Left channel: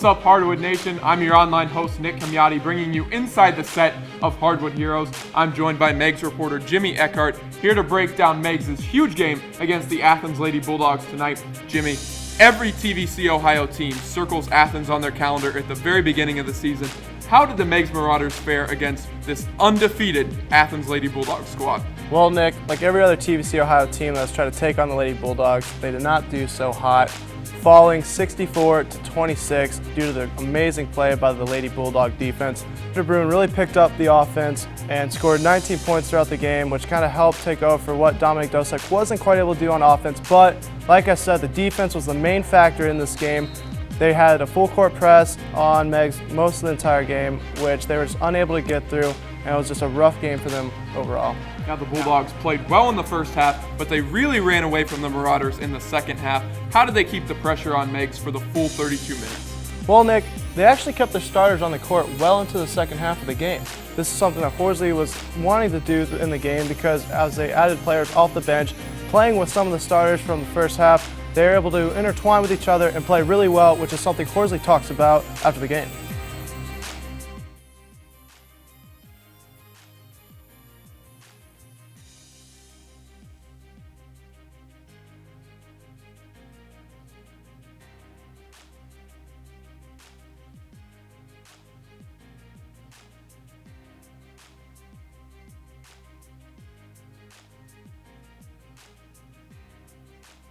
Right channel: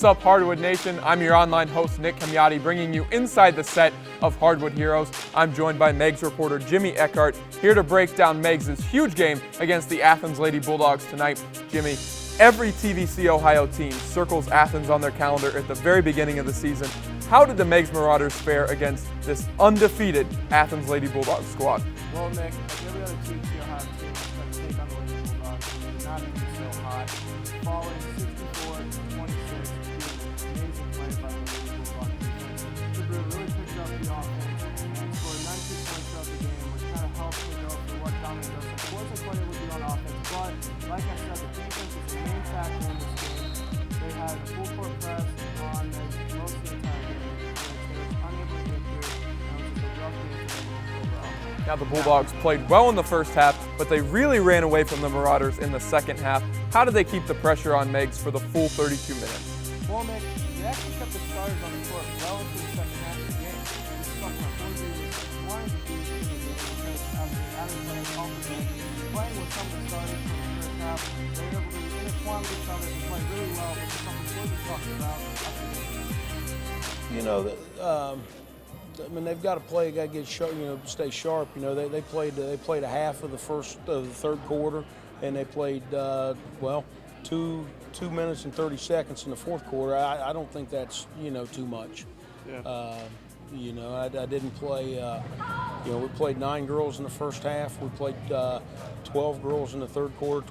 What's up, Hardwood Nation? I'm your online host, Nick Camiotti, bringing you inside the set of Hardwood Heroes. I'm joined by Meigs reporter Jimmy Eckhart, here to break down Meigs' huge game against the Athens Lady Bulldogs tonight. Jimmy, every TVC-Ohio team circles Athens on their calendar at the very beginning of the season. How did the Meigs Marauders fare against this undefeated Athens Lady Bulldogs squad? Well, Nick, like every other TVC-Ohio team that was trying to take on the Lady Bulldogs, they did not do so hot, falling 64-26 due to the amazing play by the Lady Bulldog defense. Bruin really picked up the offense and scored 19 points throughout the game, which kind of helped take over for what Dominic Dosek wasn't quite able to do on offense. But like I said, the defense was the main factor in this game. They had a full court press on Meigs most of the entire game, which they were just unable to get through, and it was just a rough game for them overall. Now, the Bulldogs played well in the first half, but they really ran away from the Marauders in the second half. How did they keep the pressure on Meigs for the full 32 minutes? Well, Nick, they actually kept their starters on the court well into the second half of the game. This is something that Horsley was wanting to do in the game because as they added players off the bench, playing with some of the starters from the first half, they were able to intertwine with each other and play really well, which is something Horsley talks about after the game. You know, I mean, they've got to play, got to get sharp, you know, stay sharp. You know, they played a half of the third quarter, and they played well, 2 minutes and 30 seconds in the fourth quarter. I don't think that's, you know, too much. Yeah. You know, I didn't play. You know, we played 9 girls in the first half. We played 12 girls in the third quarter,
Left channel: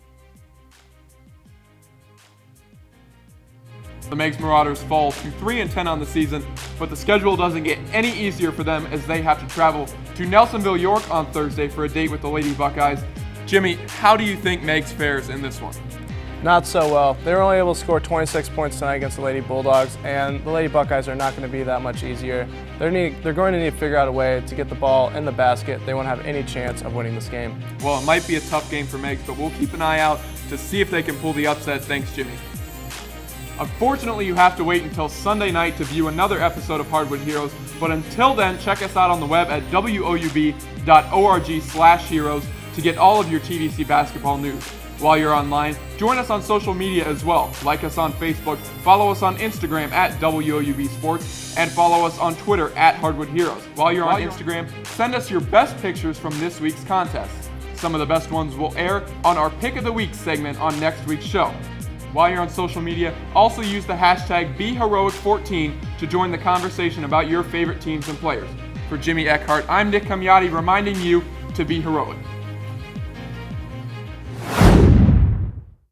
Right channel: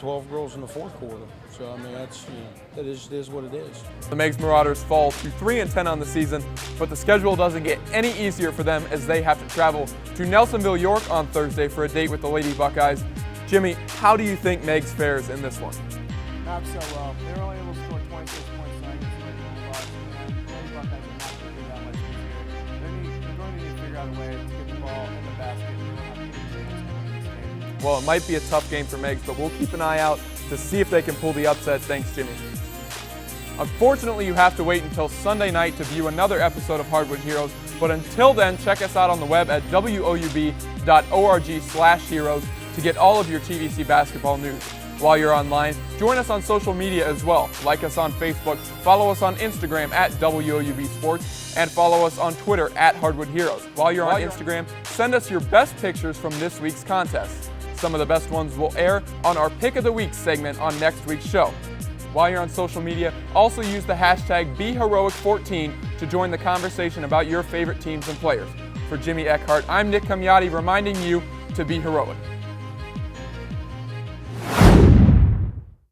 12 girls in the fourth quarter. So, I mean, that's, you know, it is what it is. The Meigs Marauders fall to 3-10 on the season, but the schedule doesn't get any easier for them as they have to travel to Nelsonville, York on Thursday for a date with the Lady Buckeyes. Jimmy, how do you think Meigs fares in this one? Not so well. They were only able to score 26 points tonight against the Lady Bulldogs, and the Lady Buckeyes are not going to be that much easier. They're going to need to figure out a way to get the ball in the basket if they want to have any chance of winning this game. Well, it might be a tough game for Meigs, but we'll keep an eye out to see if they can pull the upset. Thanks, Jimmy. Unfortunately, you have to wait until Sunday night to view another episode of Hardwood Heroes, but until then, check us out on the web at woub.org/heroes to get all of your TVC basketball news. While you're online, join us on social media as well. Like us on Facebook, follow us on Instagram at WOUB Sports, and follow us on Twitter at Hardwood Heroes. While you're on Instagram, send us your best pictures from this week's contest. Some of the best ones will air on our Pick of the Week segment on next week's show. While you're on social media, also use the hashtag BeHeroic14 to join the conversation about your favorite teams and players. For Jimmy Eckhart, I'm Nick Camiotti, reminding you to be heroic.